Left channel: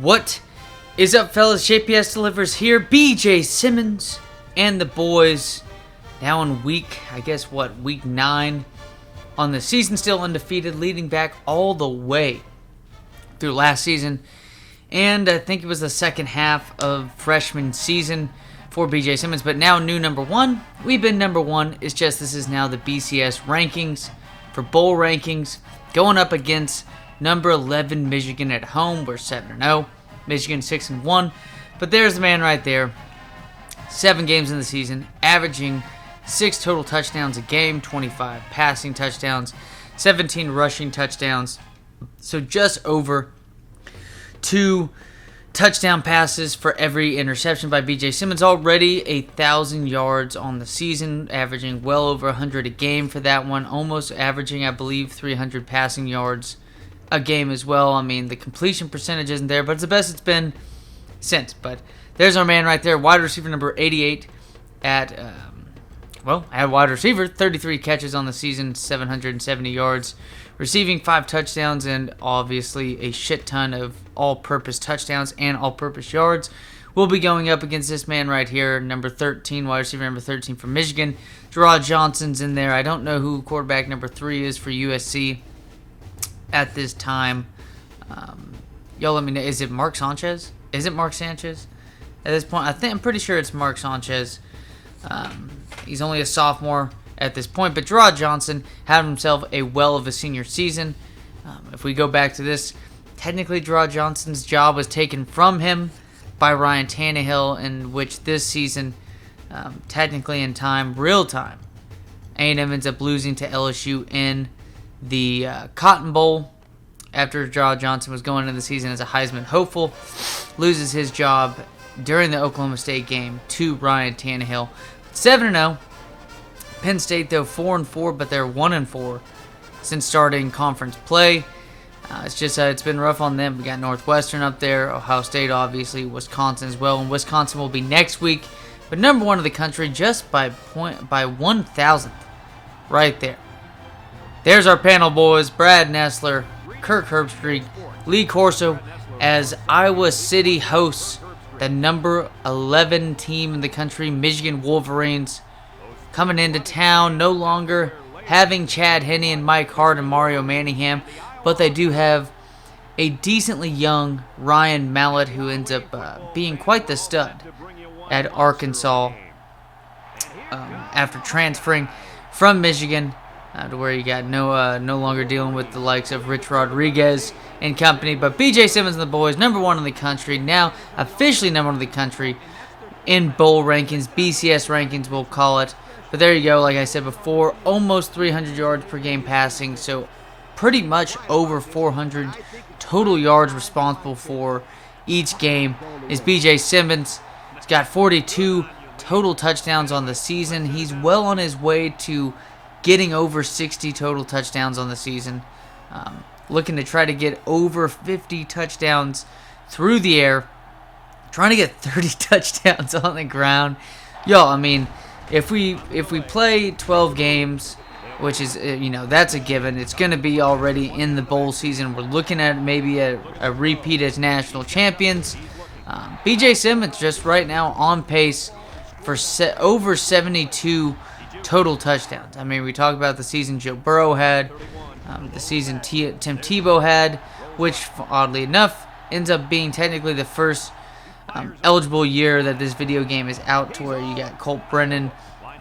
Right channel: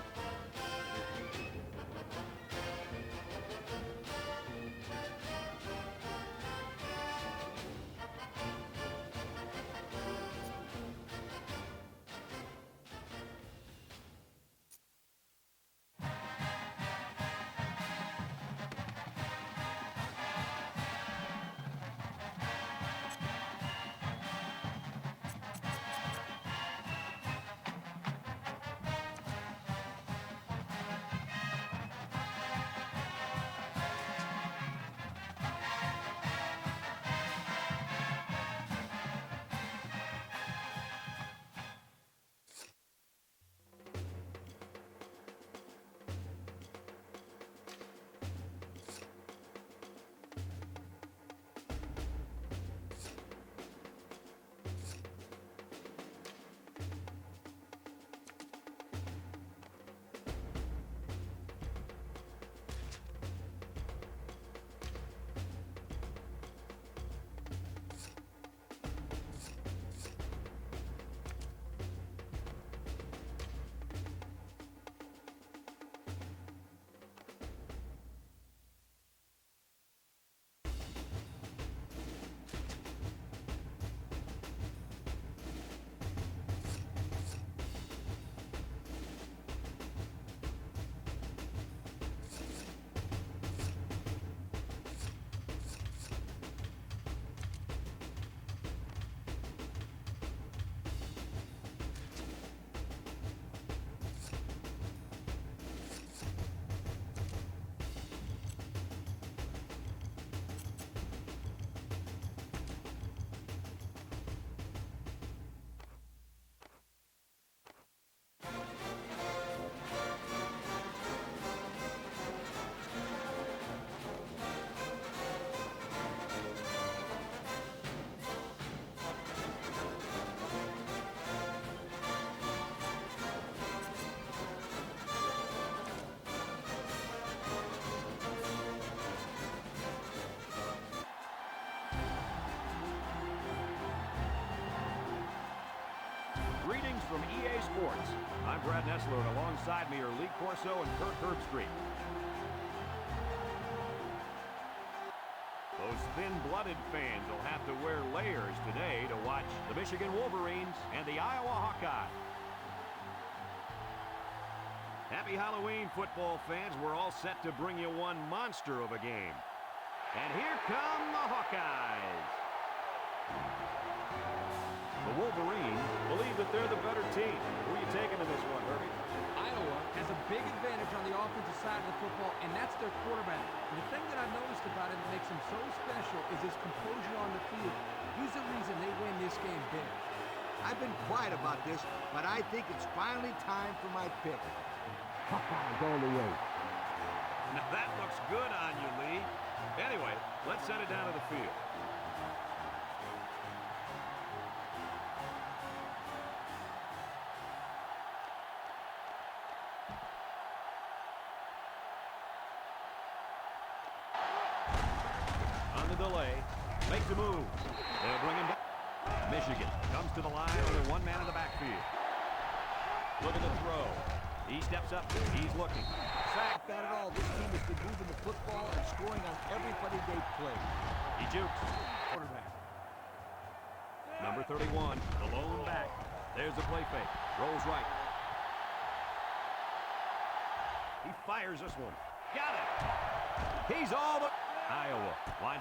What is up, fellas? JPS delivers here. BJ Simmons and the boys now in week 9 on the season, still undefeated, leading back all the way through last season. And I think it was the second half of freshman season for BJ Simmons. But now new number one. We've been number one. It's just this is now the BCS rankings for bowl rankings. Going up against number 11 Michigan at home. We're 7-0. Michigan 6-1. But there's the man right there. 7 games in the season, averaging 6 total touchdowns a game, 25 passing touchdowns, 17 rushing touchdowns. So just over 2 touchdown passes for every interception by BJ Simmons. Already 1,000 yards on the season, averaging well over 100 a game for that one. Almost averaging, I believe, 300 passing yards a game as well. I mean, the completion percentage isn't there, but it's the best it's been since. But there's our man right there, wide receiver number 88 at wide receiver, 33 catches on the season, 770 yards, receiving 5 touchdowns, and obviously a shit ton of all-purpose touchdowns and all-purpose yards. We'll be going up against this man right here, number 13, wide receiver number 13 from Michigan. Gerard Johnson's in there. I don't know who quarterback number 3 is for USC at this time. Y'all let me know. Is it Mark Sanchez? Is it Mark Sanchez? At this point, I'm pretty sure it's Mark Sanchez. He's only a sophomore at this point, but Gerard Johnson had himself a well of a senior season. If we go back to this, technically Gerard Johnson's job was taken from him by Ryan Tannehill, in which this season, technically in time, real time, A&M ends up losing to LSU in the Cotton Bowl after Gerard Johnson was going into the season as a Heisman hopeful, loses his job during the Oklahoma State game to Ryan Tannehill. 7-0. Penn State, though, 4-4, but they're 1-4 since starting conference play. It's been rough on them. We got Northwestern up there, Ohio State, obviously, Wisconsin as well, and Wisconsin will be next week. But number 1 of the country, just by 1,000th, right there. There's our panel, boys. Brad Nessler, Kirk Herbstreit, Lee Corso as Iowa City hosts the number 11 team in the country, Michigan Wolverines, coming into town, no longer having Chad Henne and Mike Hart and Mario Manningham, but they do have a decently young Ryan Mallett, who ends up being quite the stud at Arkansas after transferring from Michigan to where you got no longer dealing with the likes of Rich Rodriguez and company. But BJ Simmons and the boys, number 1 in the country, now officially number 1 in the country in bowl rankings, BCS rankings we'll call it. But there you go, like I said before, almost 300 yards per game passing, so pretty much over 400 total yards responsible for each game is BJ Simmons. He's got 42 total touchdowns on the season. He's well on his way to getting over 60 total touchdowns on the season. Looking to try to get over 50 touchdowns through the air. Trying to get 30 touchdowns on the ground. Yo, I mean, if we play 12 games, which is, that's a given. It's going to be already in the bowl season. We're looking at maybe a repeat as national champions. BJ Simmons just right now on pace for over 72 total touchdowns. I mean, we talk about the season Joe Burrow had, the season Tim Tebow had, which, oddly enough, ends up being technically the first eligible year that this video game is out, to where you got Colt Brennan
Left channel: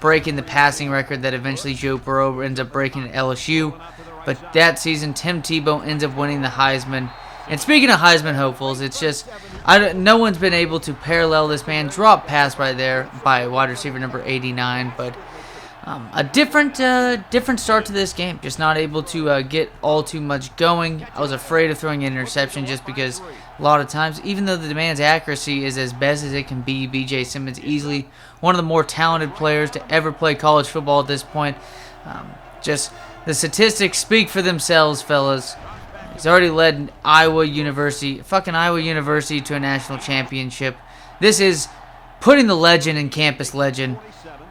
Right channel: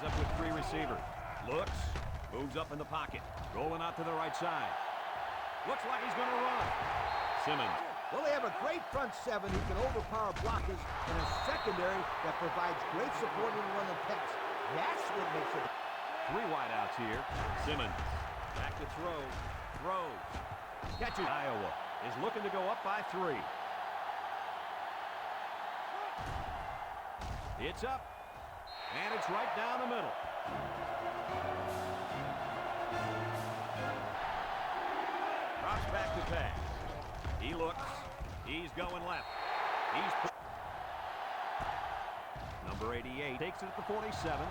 breaking the passing record that eventually Joe Burrow ends up breaking at LSU. But that season, Tim Tebow ends up winning the Heisman. And speaking of Heisman hopefuls, it's just no one's been able to parallel this man. Drop pass right there by wide receiver number 89, but a different start to this game. Just not able to get all too much going. I was afraid of throwing an interception just because a lot of times, even though the demand's accuracy is as best as it can be, BJ Simmons easily one of the more talented players to ever play college football at this point. Just the statistics speak for themselves, fellas. He's already led Iowa University to a national championship. This is putting the legend in campus legend.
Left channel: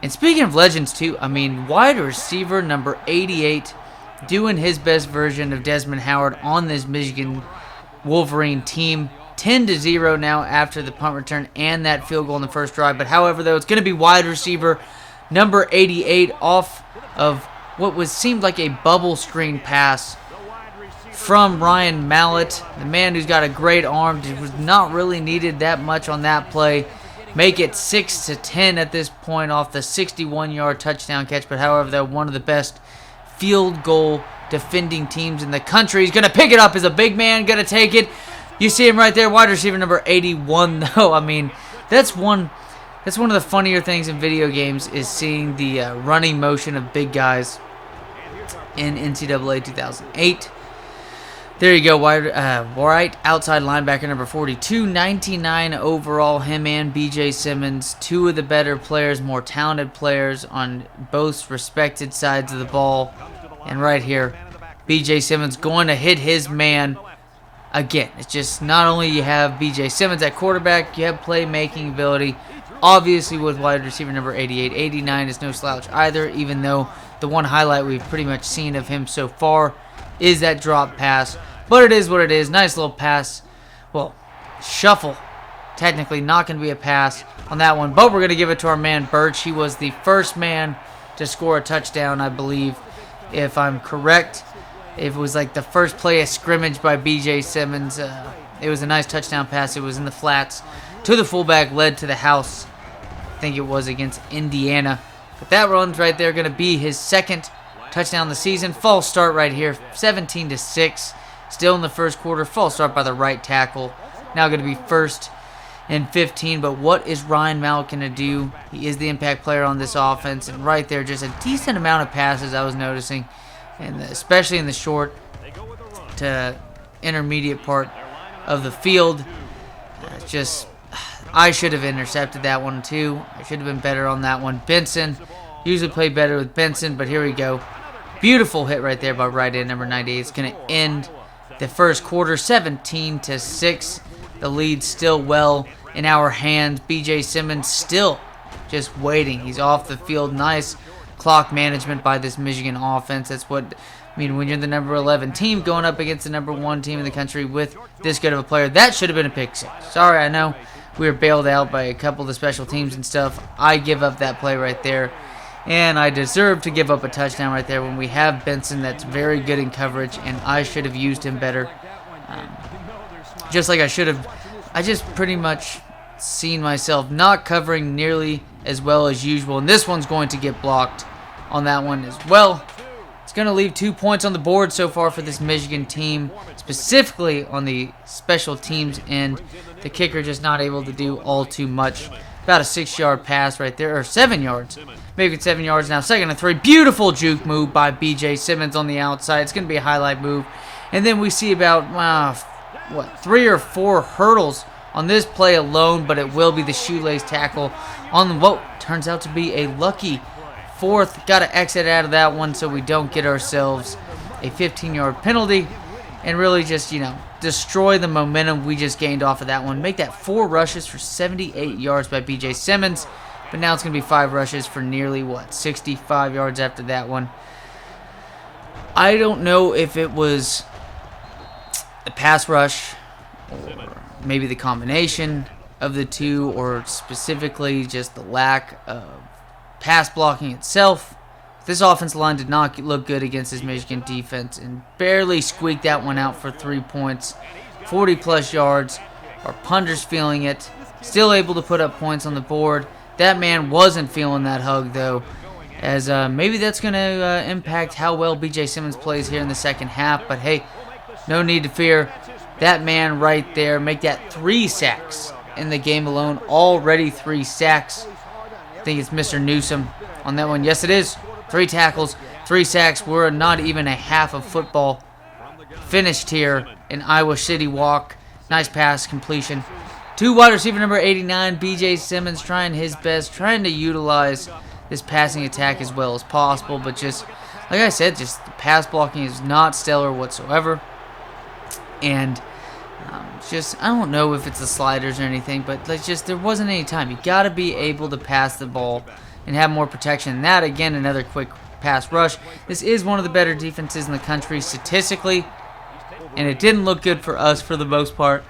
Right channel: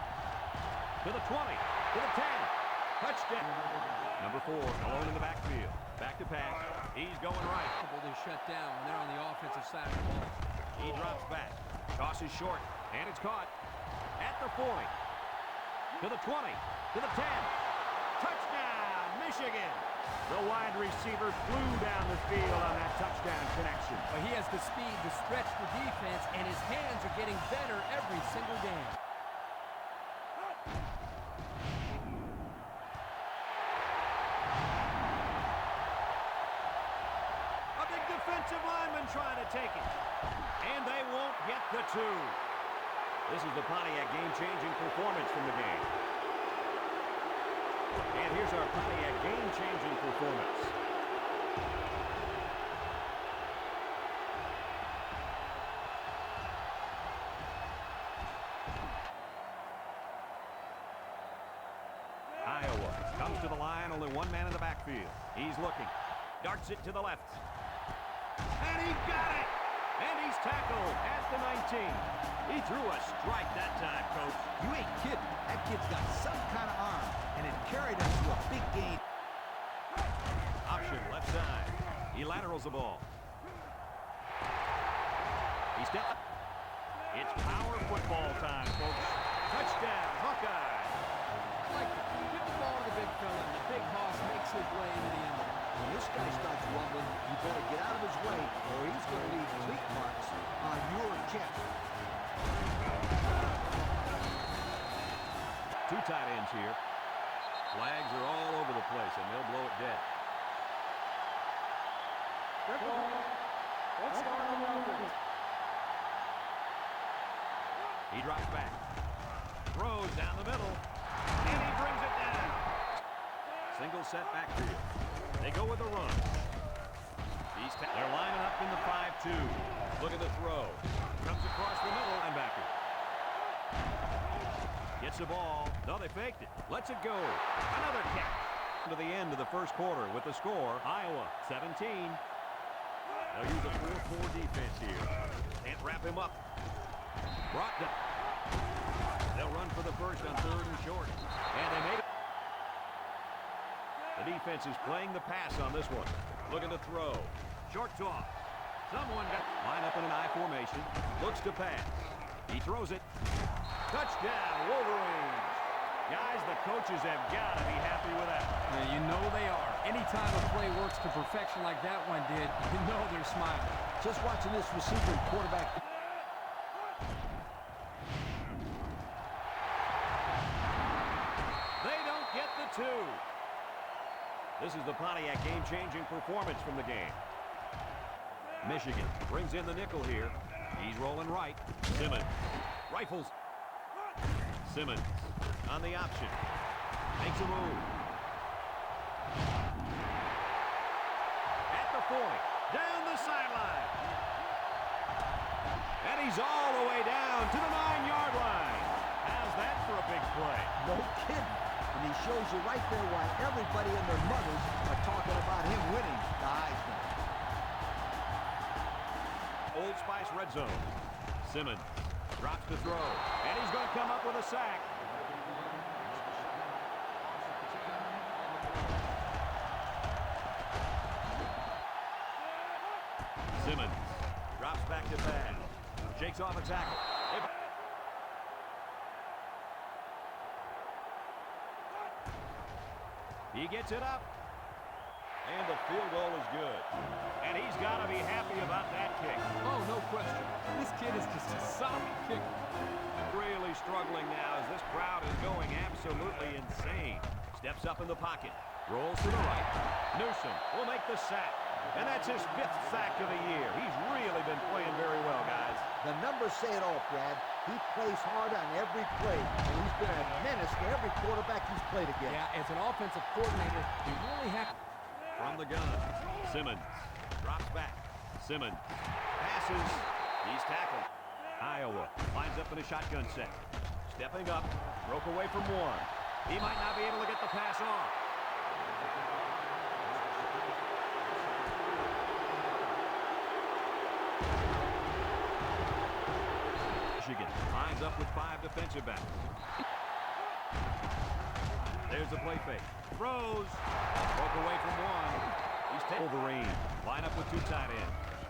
And speaking of legends too, I mean, wide receiver number 88 doing his best version of Desmond Howard on this Michigan Wolverine team. 10-0 now after the punt return and that field goal in the first drive. But however, though, it's going to be wide receiver number 88 off of what seemed like a bubble screen pass from Ryan Mallett, the man who's got a great arm. Was not really needed that much on that play. Make it 6-10 at this point off the 61-yard touchdown catch. But however, though, one of the best field goal defending teams in the country. He's going to pick it up as a big man, going to take it. You see him right there, wide receiver number 81, though. I mean, that's one of the funnier things in video games is seeing the running motion of big guys in NCAA 2008. There you go, right outside linebacker number 42, 99 overall, him and BJ Simmons, two of the better players, more talented players on both respected sides of the ball. And right here, BJ Simmons going to hit his man again. It's just not only you have BJ Simmons at quarterback, you have playmaking ability. Obviously with wide receiver number 88, 89 is no slouch either, even though the one highlight we've pretty much seen of him so far is that drop pass. But it is what it is. Nice little pass. Well, shuffle. Technically not going to be a pass on that one. But we're going to give it to our man Birch. He was the first man to score a touchdown, I believe, if I'm correct. It was like the first play of scrimmage by BJ Simmons. It was a nice touchdown pass. It was in the flats to the fullback, led to the house. I think it was against Indiana. But that run's right there going to be his second touchdown of the season. False start right here, 17-6. Still in the first quarter. False start by the right tackle. Now going to be 1st and 15. But what is Ryan Mallett going to do? He is the impact player on this offense. And right there, just a decent amount of passes I was noticing, and especially in the short to intermediate part of the field. Just, I should have intercepted that one too. I should have been better on that one. Benson, usually play better with Benson, but here we go. Beautiful hit right there by right end number 98. It's going to end the first quarter 17-6. The lead still well in our hands. BJ Simmons still just waiting. He's off the field. Nice clock management by this Michigan offense. That's what I mean when you're the number 11 team going up against the number 1 team in the country with this good of a player. That should have been a pick six. Sorry, I know we were bailed out by a couple of the special teams and stuff. I give up that play right there. And I deserve to give up a touchdown right there when we have Benson that's very good in coverage, and I should have used him better. Just like I should have. I just pretty much seen myself not covering nearly as well as usual, and this one's going to get blocked on that one as well. It's going to leave 2 points on the board so far for this Michigan team, specifically on the special teams end. The kicker just not able to do all too much. About a 6-yard pass right there, or 7 yards. Maybe 7 yards now. 2nd and 3. Beautiful juke move by BJ Simmons on the outside. It's going to be a highlight move. And then we see about, 3 or 4 hurdles on this play alone, but it will be the shoelace tackle on what turns out to be a lucky 4th. Got to exit out of that one so we don't get ourselves a 15-yard penalty and really just, destroy the momentum we just gained off of that one. Make that 4 rushes for 78 yards by BJ Simmons. But now it's going to be 5 rushes for nearly, 65 yards after that one. I don't know if it was the pass rush or maybe the combination of the two, or specifically just the lack of pass blocking itself. This offensive line did not look good against this Michigan defense and barely squeaked that one out for 3 points. 40-plus yards. Our punters feeling it. Still able to put up points on the board. That man wasn't feeling that hug, though, as maybe that's going to impact how well BJ Simmons plays here in the second half. But, hey, no need to fear. That man right there, make that 3 sacks in the game alone. Already 3 sacks. I think it's Mr. Newsom on that one. Yes, it is. 3 tackles, 3 sacks. We're not even a half of football finished here in Iowa City Walk. Nice pass completion. To wide receiver number 89, BJ Simmons, trying his best, trying to utilize this passing attack as well as possible. But just, like I said, just the pass blocking is not stellar whatsoever. And just, I don't know if it's the sliders or anything, but there wasn't any time. You got to be able to pass the ball and have more protection. And that, again, another quick pass rush. This is one of the better defenses in the country statistically, and it didn't look good for us for the most part.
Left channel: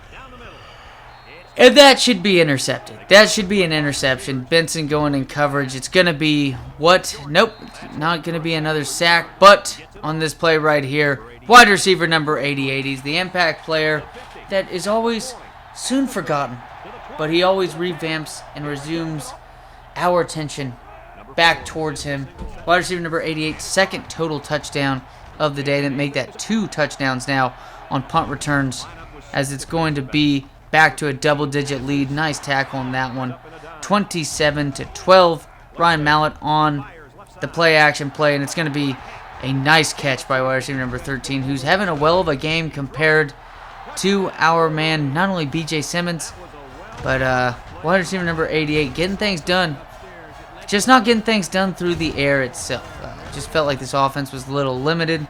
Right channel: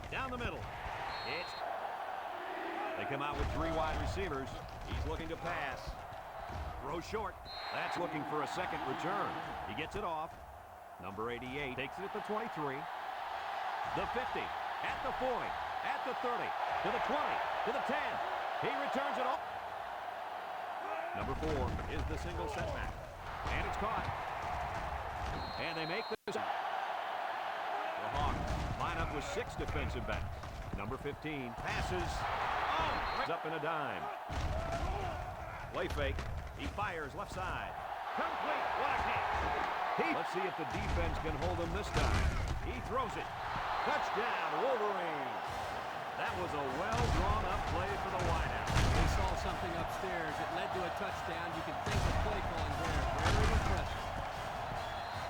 And that should be intercepted. That should be an interception. Benson going in coverage. It's going to be what? Nope. Not going to be another sack. But on this play right here, wide receiver number 88. He's the impact player that is always soon forgotten. But he always revamps and resumes our attention back towards him. Wide receiver number 88, second total touchdown of the day. That make that 2 touchdowns now on punt returns, as it's going to be back to a double-digit lead. Nice tackle on that one. 27-12. Ryan Mallett on the play-action play, and it's going to be a nice catch by wide receiver number 13, who's having a well of a game compared to our man, not only BJ Simmons, but wide receiver number 88, getting things done. Just not getting things done through the air itself. Just felt like this offense was a little limited.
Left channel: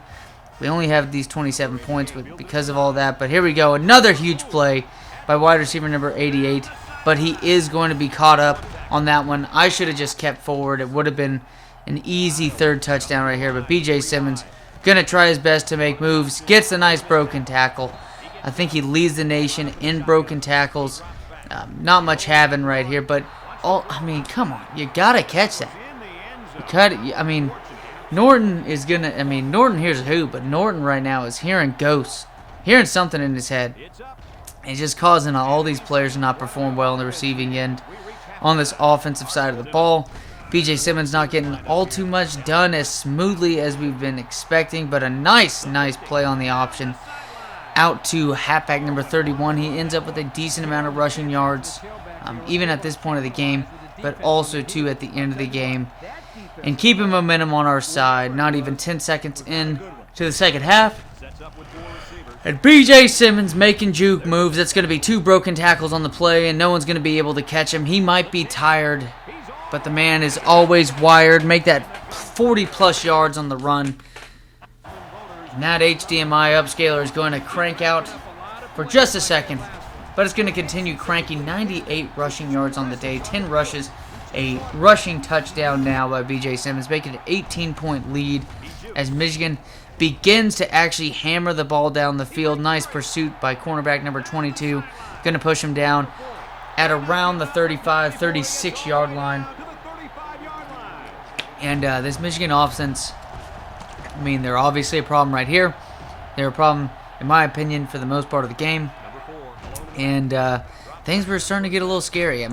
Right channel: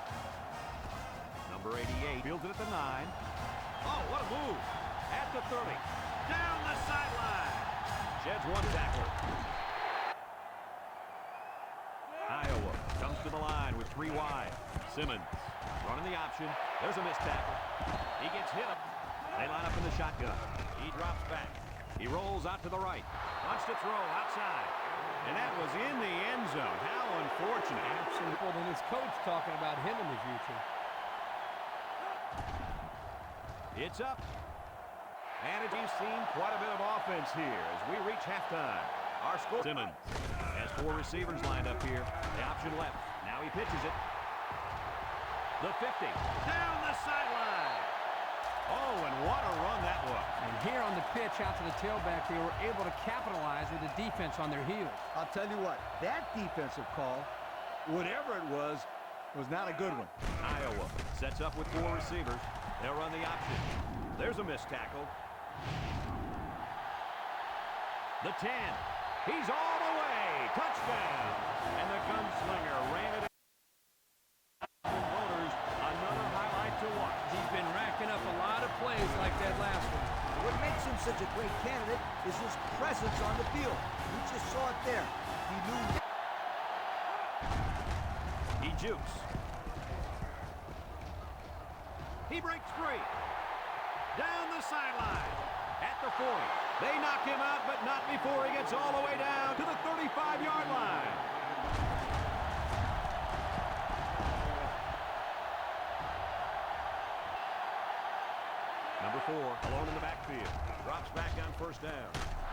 We only have these 27 points because of all that. But here we go. Another huge play by wide receiver number 88. But he is going to be caught up on that one. I should have just kept forward. It would have been an easy 3rd touchdown right here. But BJ Simmons going to try his best to make moves. Gets a nice broken tackle. I think he leads the nation in broken tackles. Not much having right here. But, I mean, come on. You got to catch that. You cut it. I mean, Norton is going to, Norton hears who, but Norton right now is hearing ghosts, hearing something in his head. It's just causing all these players to not perform well in the receiving end on this offensive side of the ball. BJ Simmons not getting all too much done as smoothly as we've been expecting, but a nice play on the option. Out to halfback number 31. He ends up with a decent amount of rushing yards, even at this point of the game, but also, too, at the end of the game. And keeping momentum on our side, not even 10 seconds in to the second half. And BJ Simmons making juke moves. That's going to be 2 broken tackles on the play, and no one's going to be able to catch him. He might be tired, but the man is always wired. Make that 40-plus yards on the run. And that HDMI upscaler is going to crank out for just a second, but it's going to continue cranking. 98 rushing yards on the day, 10 rushes, a rushing touchdown now by BJ Simmons, making an 18-point lead as Michigan begins to actually hammer the ball down the field. Nice pursuit by cornerback number 22. Going to push him down at around the 35, 36-yard line. And this Michigan offense, they're obviously a problem right here. They're a problem, in my opinion, for the most part of the game. And things were starting to get a little scary.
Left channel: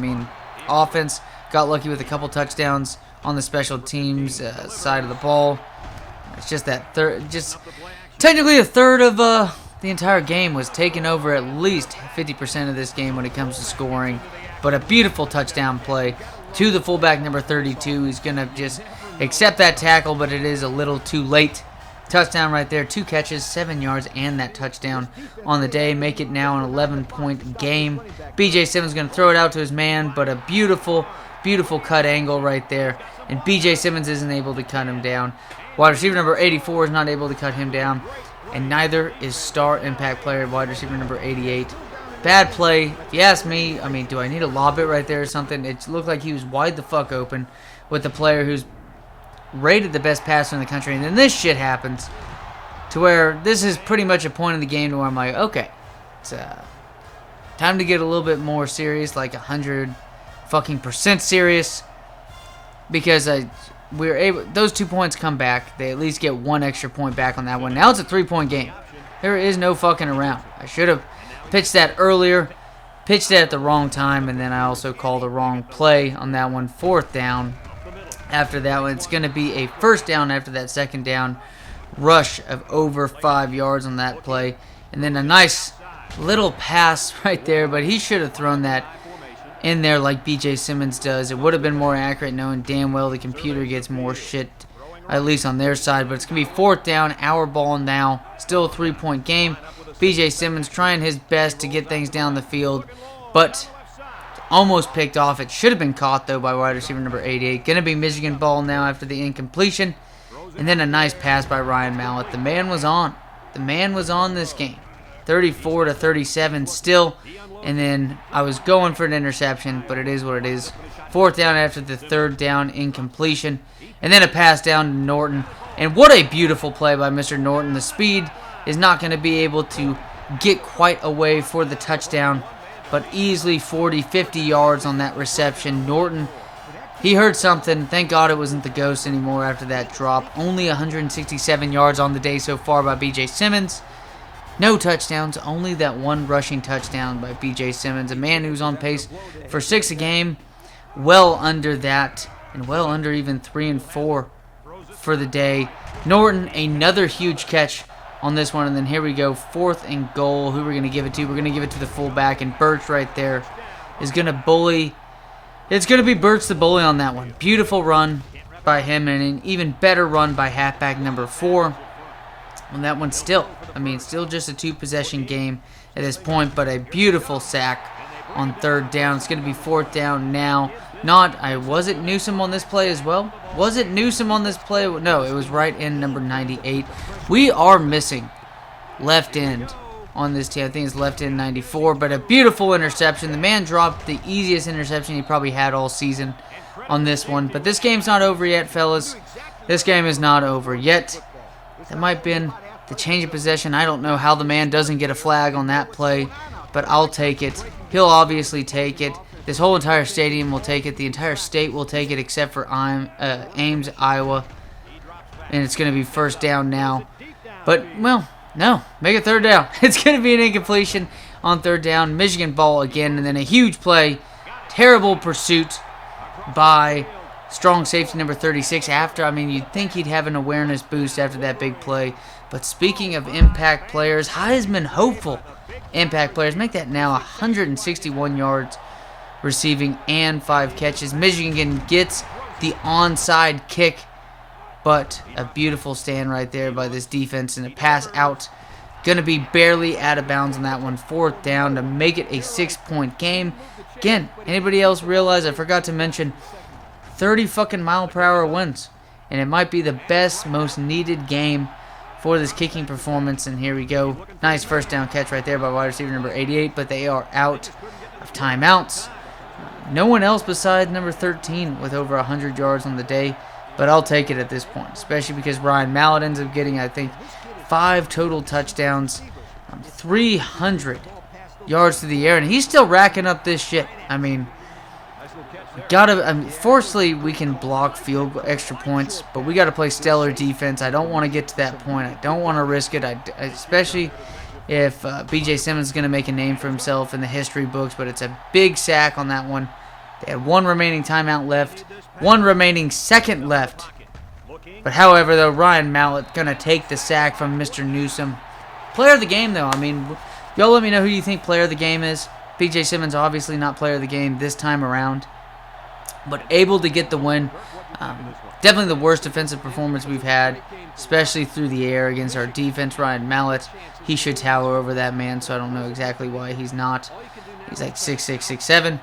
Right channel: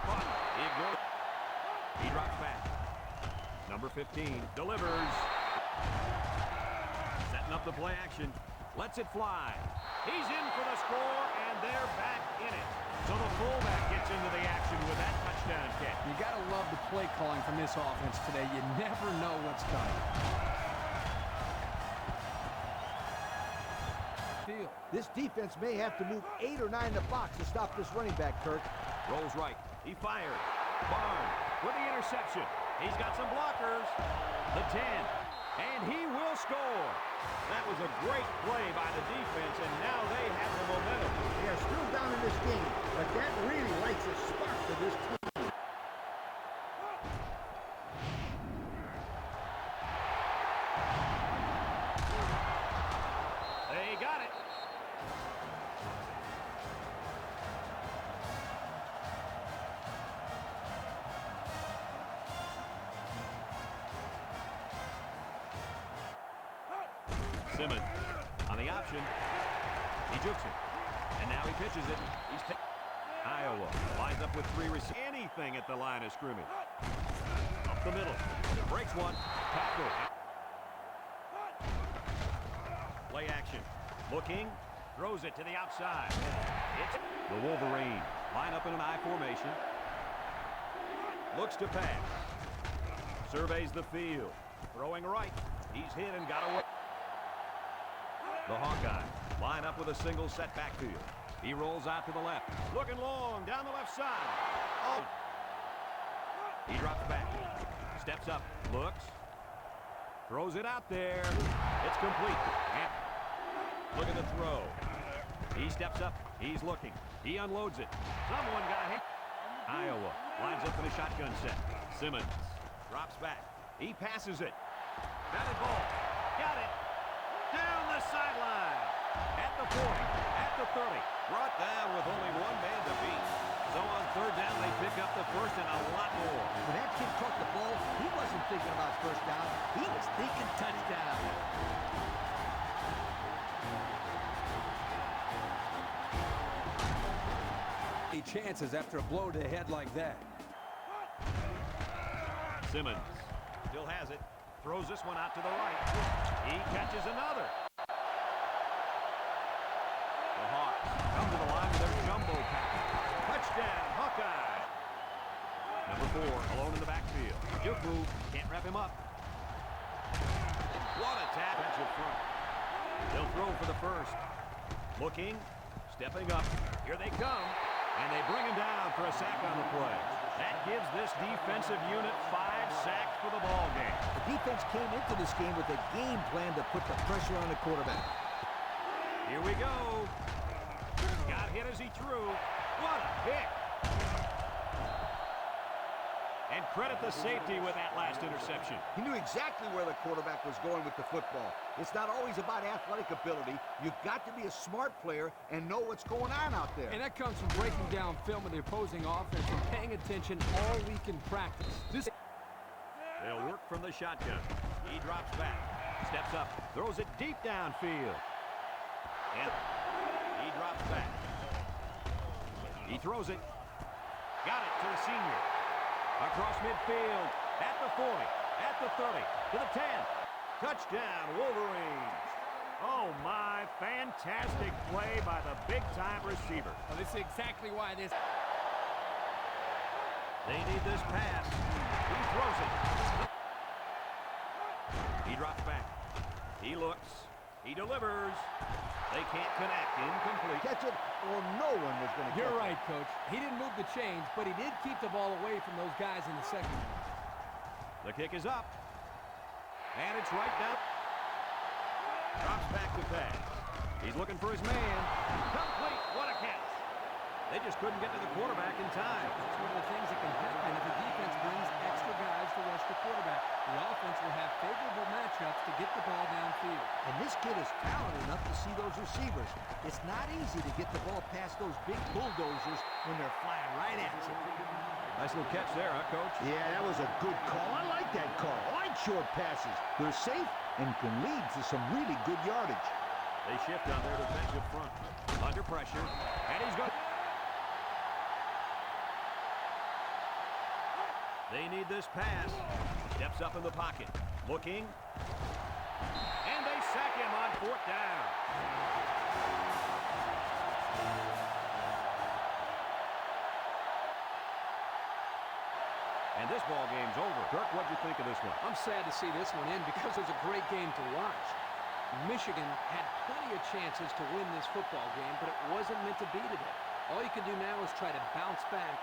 Offense got lucky with a couple touchdowns on the special teams side of the ball. It's just that technically a third of the entire game was taken over, at least 50% of this game when it comes to scoring. But a beautiful touchdown play to the fullback number 32. He's going to just accept that tackle, but it is a little too late. Touchdown right there. 2 catches, 7 yards, and that touchdown on the day. Make it now an 11-point game. BJ Simmons going to throw it out to his man, but a beautiful cut angle right there. And BJ Simmons isn't able to cut him down. Wide receiver number 84 is not able to cut him down. And neither is star impact player wide receiver number 88. Bad play. If you ask me, do I need to lob it right there or something? It looked like he was wide the fuck open with the player who's rated the best passer in the country. And then this shit happens to where this is pretty much a point in the game where I'm like, okay, it's time to get a little bit more serious, like 100% serious, because we're able. Those 2 points come back. They at least get 1 extra point back on that one. Now it's a 3-point game. There is no fucking around. I should have pitched that earlier, pitched it at the wrong time, and then I also called the wrong play on that one. 4th down. After that one, it's going to be a 1st down after that 2nd down. Rush of over 5 yards on that play. And then a nice little pass right there, but he should have thrown that in there like BJ Simmons does. It would have been more accurate, knowing damn well the computer gets more shit, at least on their side. But it's going to be 4th down, our ball now. Still a 3-point game. BJ Simmons trying his best to get things down the field, but almost picked off. It should have been caught, though, by wide receiver number 88. Going to be Michigan ball now after the incompletion. And then a nice pass by Ryan Mallett. The man was on. The man was on this game. 34-37 still. And then I was going for an interception, but it is what it is. 4th down after the 3rd down incompletion. And then a pass down to Norton. And what a beautiful play by Mr. Norton. The speed is not going to be able to get quite away for the touchdown. but easily 40, 50 yards on that reception. Norton, he heard something. Thank God it wasn't the ghost anymore after that drop. Only 167 yards on the day so far by BJ Simmons. No touchdowns, only that one rushing touchdown by BJ Simmons, a man who's on pace for 6 a game, well under that, and well under even 3 and 4 for the day. Norton, another huge catch on this one, and then here we go, 4th and goal. Who we're going to give it to? We're going to give it to the fullback, and Birch right there is going to bully. It's going to be Birch the bully on that one. Beautiful run by him, and an even better run by halfback number 4. On that one still just a 2-possession game at this point, but a beautiful sack on 3rd down. It's going to be 4th down now. Was it Newsome on this play as well? Was it Newsome on this play? No, it was right in number 98. We are missing left end on this team. I think it's left end 94, but a beautiful interception. The man dropped the easiest interception he probably had all season on this one. But this game's not over yet, fellas. This game is not over yet. It might have been the change of possession. I don't know how the man doesn't get a flag on that play, but I'll take it. He'll obviously take it. This whole entire stadium will take it. The entire state will take it except for Ames, Iowa. And it's going to be 1st down now. But, well, no. Make it 3rd down. It's going to be an incompletion on 3rd down. Michigan ball again, and then a huge play. Terrible pursuit by strong safety number 36 you'd think he'd have an awareness boost after that big play. But speaking of impact players, Heisman hopeful impact players, make that now 161 yards receiving and 5 catches. Michigan gets the onside kick, but a beautiful stand right there by this defense, and a pass out. Going to be barely out of bounds on that one. 4th down to make it a 6-point game. Again, anybody else realize I forgot to mention 30 fucking mile-per-hour winds, and it might be the best, most needed game for this kicking performance. And here we go. Nice 1st down catch right there by wide receiver number 88, but they are out of timeouts. No one else besides number 13 with over 100 yards on the day, but I'll take it at this point, especially because Ryan Mallett ends up getting, I think, 5 total touchdowns, 300 yards to the air, and he's still racking up this shit. Fortunately, we can block extra points, but we got to play stellar defense. I don't want to get to that point. I don't want to risk it, especially if BJ Simmons is going to make a name for himself in the history books, but it's a big sack on that one. They had 1 remaining timeout left, 1 remaining second left. But however, though, Ryan Mallett going to take the sack from Mr. Newsome. Player of the game, though. Y'all let me know who you think player of the game is. BJ Simmons obviously not player of the game this time around, but able to get the win. Definitely the worst defensive performance we've had, especially through the air against our defense. Ryan Mallett, he should tower over that man, so I don't know exactly why he's not. He's like 6'6", 6'7".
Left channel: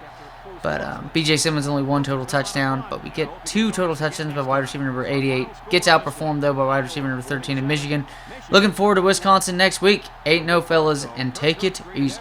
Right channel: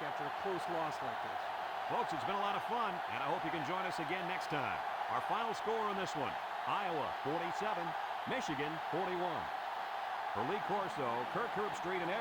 But BJ Simmons only 1 total touchdown, but we get 2 total touchdowns by wide receiver number 88. Gets outperformed, though, by wide receiver number 13 in Michigan. Looking forward to Wisconsin next week. 8-0, fellas, and take it easy.